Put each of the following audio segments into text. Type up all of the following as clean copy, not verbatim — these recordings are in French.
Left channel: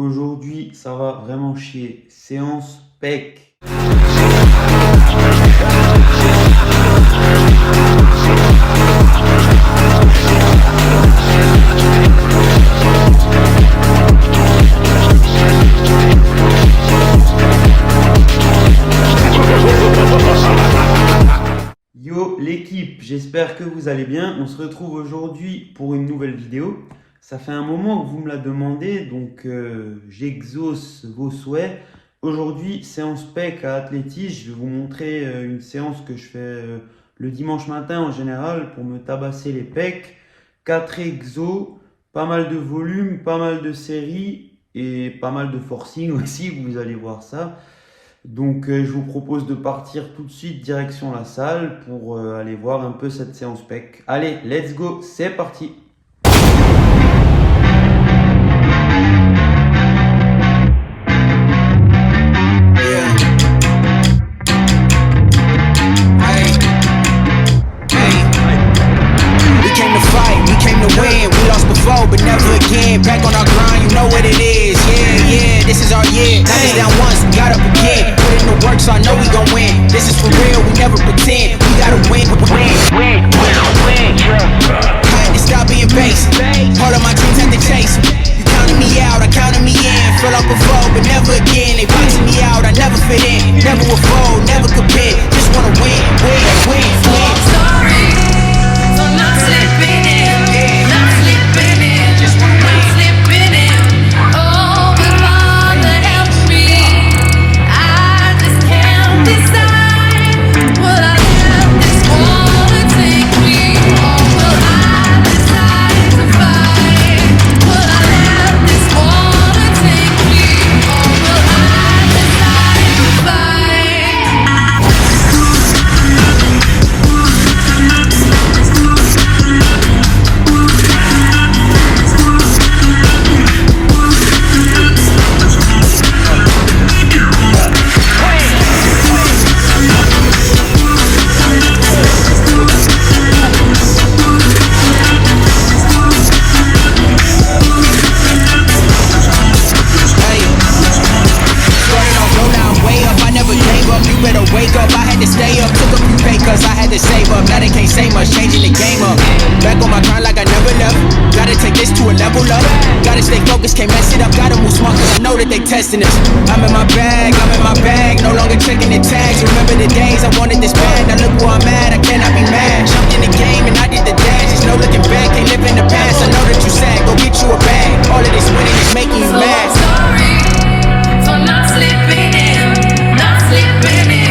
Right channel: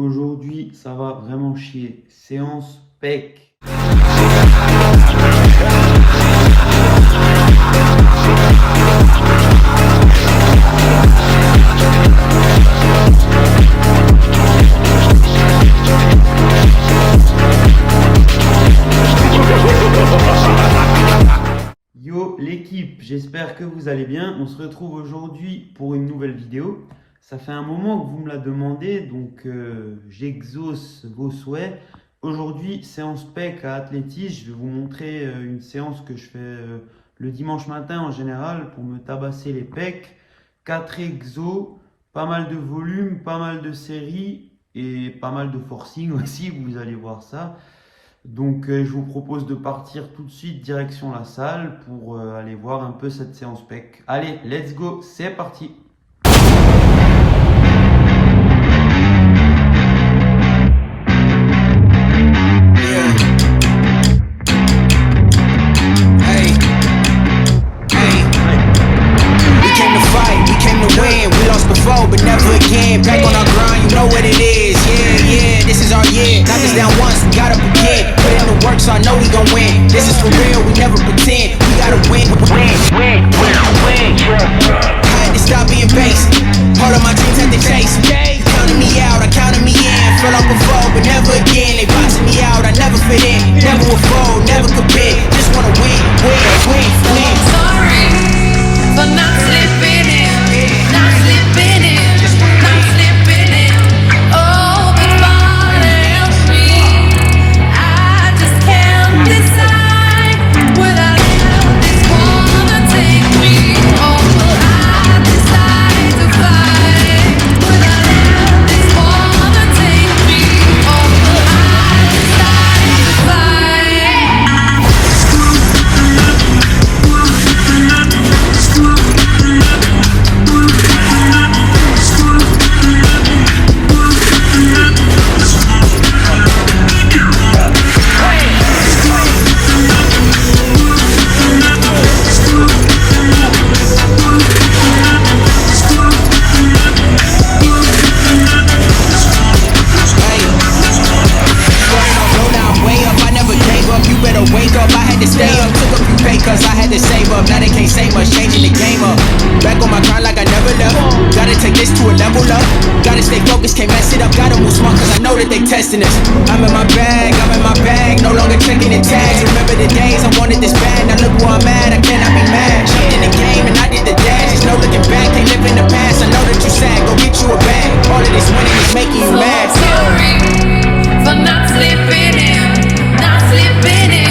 Aujourd'hui, ça va vraiment chier. Séance PEC. Yo l'équipe, j'espère que vous allez bien. On se retrouve aujourd'hui pour une nouvelle vidéo. Ça fait un moment que vous me la demandez, donc j'exauce vos souhaits. Aujourd'hui, séance PEC à athlétisme. Je vais vous montrer une séance que je fais le dimanche matin en général pour me tabasser les pecs. 4 exos, pas mal de volume, pas mal de séries et pas mal de forcing aussi, vous allez voir ça. Donc je vous propose de partir tout de suite direction la salle pour aller voir un peu cette séance PEC. Allez, let's go, c'est parti! But never again, back on our grind, you know what it is. Yeah, this is our year. Knocked us down once, we got up again. Put in the work, so I know we gon' win. This is for real, we never pretend. We gotta win. I had to stop being basic. Part of my dreams had to chase 'em. You counted me out, I counted me in. Fell off before, but never again. They boxing me out, I never fit in. Never would fold, never could bid. Just wanna win. Wake up, I had to stay up, took a few pay cuts, I had to save up. Now they can't say much, changing the game up. Back on my grind like I never left. Gotta take this to a level up. Gotta stay focused, can't mess it up. Gotta move smart cause I know that they testing us. I'm in my bag, no longer checking the tags. Remember the days I wanted this bad, now look where I'm at, I cannot be mad. Jumped in the game and I did the dash, there's no looking back, can't live in the past. I know that you sad, go get you a bag. All of this winning is making you mad. I'm not sleeping in, not sleeping in.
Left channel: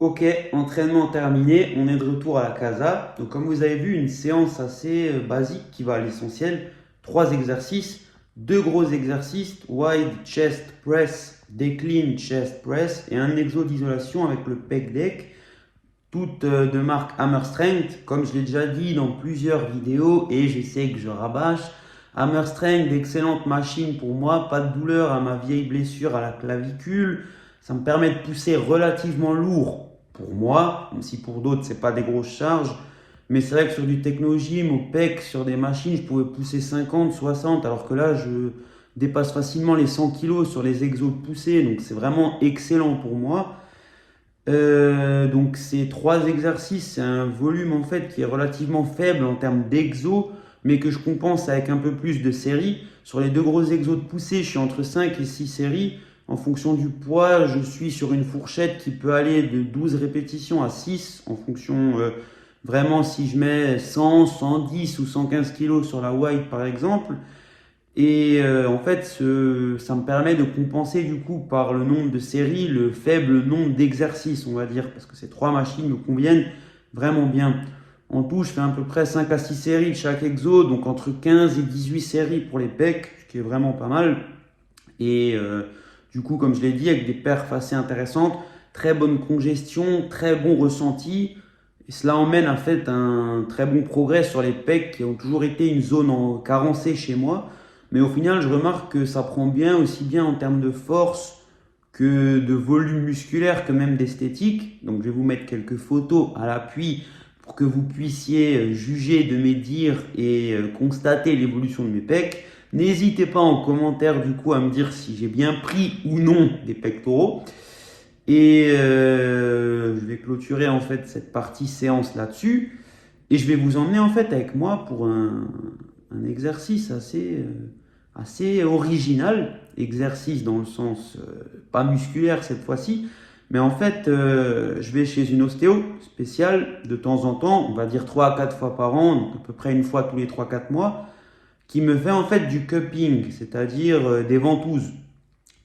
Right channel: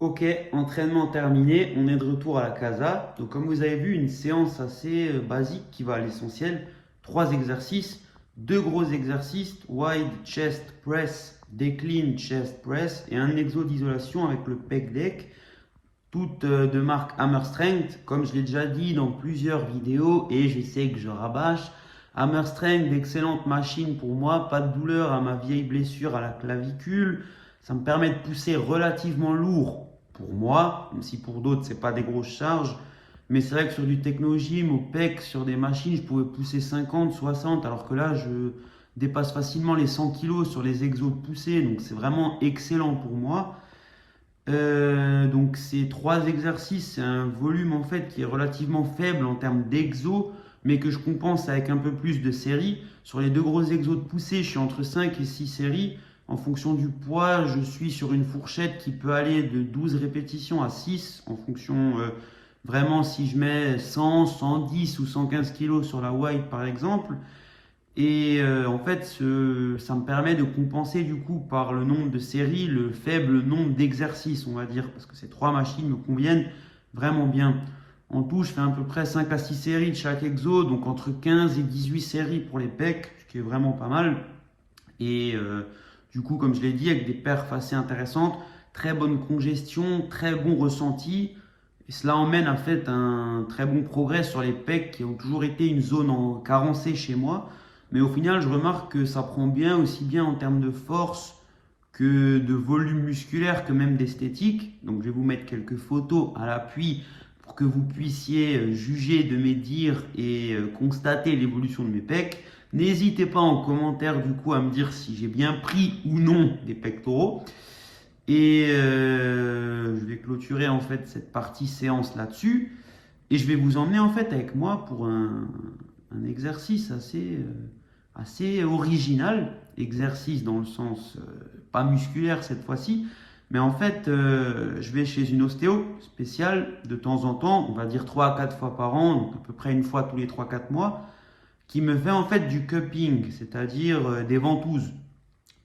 Ok, entraînement terminé, on est de retour à la casa. Donc comme vous avez vu, une séance assez basique qui va à l'essentiel. 3 exercices, 2 gros exercices, wide chest press, decline chest press et un exo d'isolation avec le pec deck. Toutes de marque Hammer Strength, comme je l'ai déjà dit dans plusieurs vidéos et j'essaie que je rabâche. Hammer Strength, d'excellentes machines pour moi, pas de douleur à ma vieille blessure à la clavicule. Ça me permet de pousser relativement lourd pour moi, même si pour d'autres c'est pas des grosses charges. Mais c'est vrai que sur du techno-gym, au PEC, sur des machines, je pouvais pousser 50, 60, alors que là je dépasse facilement les 100 kg sur les exos poussés, donc c'est vraiment excellent pour moi. Donc ces 3 exercices, c'est un volume en fait qui est relativement faible en termes d'exos, mais que je compense avec un peu plus de séries. Sur les 2 gros exos de poussée, je suis entre 5 et 6 séries. En fonction du poids, je suis sur une fourchette qui peut aller de 12 répétitions à 6, en fonction vraiment si je mets 100, 110 ou 115 kg sur la wide par exemple. Et en fait, ça me permet de compenser du coup par le nombre de séries, le faible nombre d'exercices, on va dire, parce que ces 3 machines me conviennent vraiment bien. En tout, je fais à peu près 5 à 6 séries de chaque exo, donc entre 15 et 18 séries pour les pecs, ce qui est vraiment pas mal. Et du coup, comme je l'ai dit, avec des perfs assez intéressantes, très bonne congestion, très bon ressenti. Et cela emmène en fait un très bon progrès sur les pecs qui ont toujours été une zone carencée chez moi. Mais au final, je remarque que ça prend bien, aussi bien en termes de force que de volume musculaire, que même d'esthétique. Donc je vais vous mettre quelques photos à l'appui pour que vous puissiez juger de mes dires et constater l'évolution de mes pecs. N'hésitez pas en commentaire du coup à me dire si j'ai bien pris ou non des pectoraux. Et je vais clôturer en fait cette partie séance là-dessus. Et je vais vous emmener en fait avec moi pour un exercice assez original. Exercice dans le sens pas musculaire cette fois-ci. Mais en fait, je vais chez une ostéo spéciale de temps en temps, on va dire 3 à 4 fois par an, donc à peu près une fois tous les 3-4 mois, qui me fait en fait du cupping, c'est-à-dire des ventouses.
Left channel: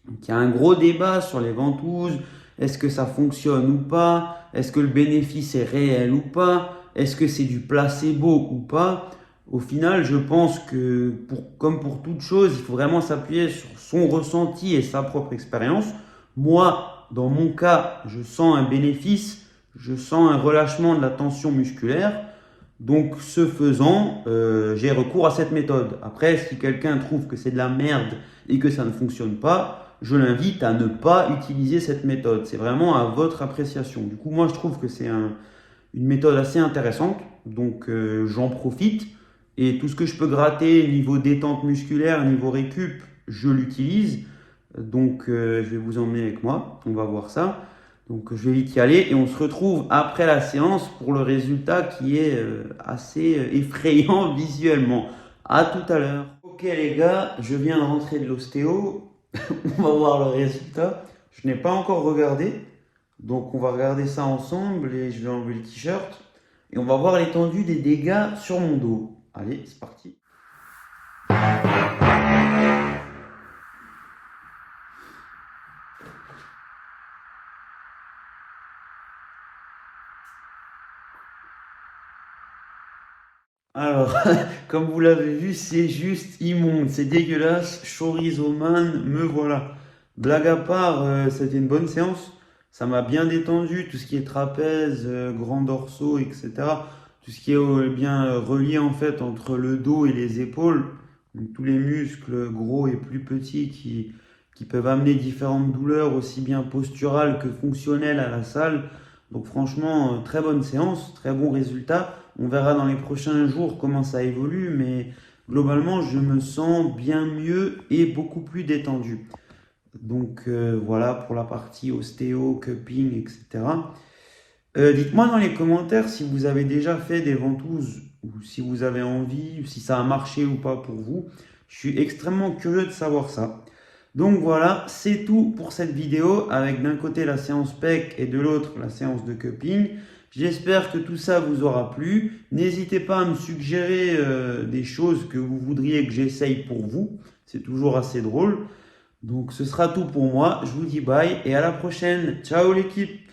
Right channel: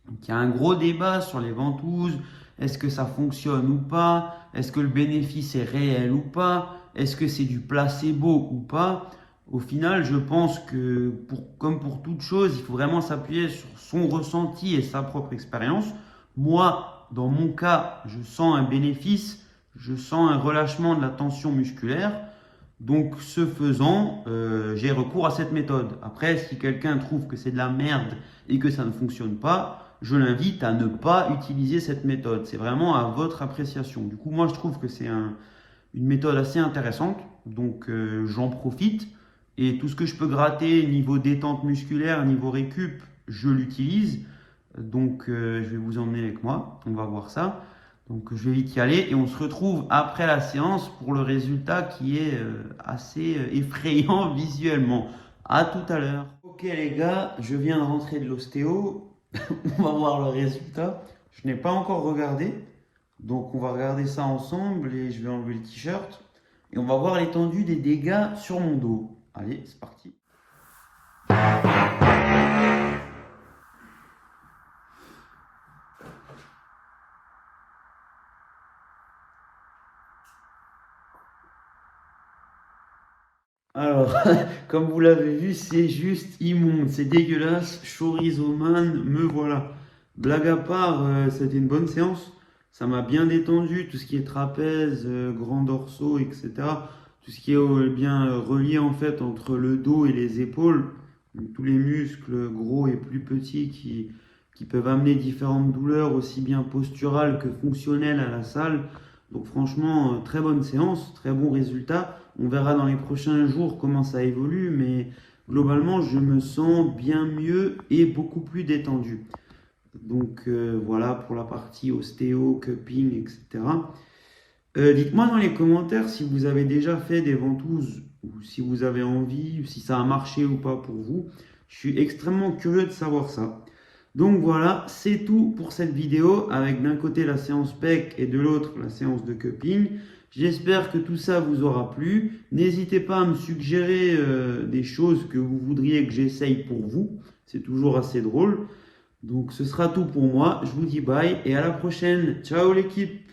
Donc il y a un gros débat sur les ventouses, est-ce que ça fonctionne ou pas, est-ce que le bénéfice est réel ou pas, est-ce que c'est du placebo ou pas. Au final, je pense que comme pour toute chose, il faut vraiment s'appuyer sur son ressenti et sa propre expérience. Moi, dans mon cas, je sens un bénéfice, je sens un relâchement de la tension musculaire. Donc, ce faisant, j'ai recours à cette méthode. Après, si quelqu'un trouve que c'est de la merde et que ça ne fonctionne pas, je l'invite à ne pas utiliser cette méthode. C'est vraiment à votre appréciation. Du coup, moi, je trouve que c'est une méthode assez intéressante. Donc, j'en profite. Et tout ce que je peux gratter niveau détente musculaire, niveau récup, je l'utilise. Donc, je vais vous emmener avec moi. On va voir ça. Donc, je vais vite y aller et on se retrouve après la séance pour le résultat qui est assez effrayant visuellement. À tout à l'heure. Ok les gars, je viens de rentrer de l'ostéo. On va voir le résultat. Je n'ai pas encore regardé. Donc, on va regarder ça ensemble et je vais enlever le t-shirt. Et on va voir l'étendue des dégâts sur mon dos. Allez, c'est parti. Alors, comme vous l'avez vu, c'est juste immonde, c'est dégueulasse. Chorizoman, me voilà. Blague à part, c'était une bonne séance. Ça m'a bien détendu, tout ce qui est trapèze, grand dorsaux, etc. Tout ce qui est bien relié en fait entre le dos et les épaules. Donc, tous les muscles gros et plus petits qui peuvent amener différentes douleurs, aussi bien posturales que fonctionnelles à la salle. Donc franchement, très bonne séance, très bon résultat. On verra dans les prochains jours comment ça évolue, mais globalement, je me sens bien mieux et beaucoup plus détendu. Donc voilà pour la partie ostéo, cupping, etc. Dites-moi dans les commentaires si vous avez déjà fait des ventouses ou si vous avez envie, ou si ça a marché ou pas pour vous. Je suis extrêmement curieux de savoir ça. Donc voilà, c'est tout pour cette vidéo avec d'un côté la séance pec et de l'autre la séance de cupping. J'espère que tout ça vous aura plu. N'hésitez pas à me suggérer des choses que vous voudriez que j'essaye pour vous. C'est toujours assez drôle. Donc ce sera tout pour moi. Je vous dis bye et à la prochaine. Ciao l'équipe!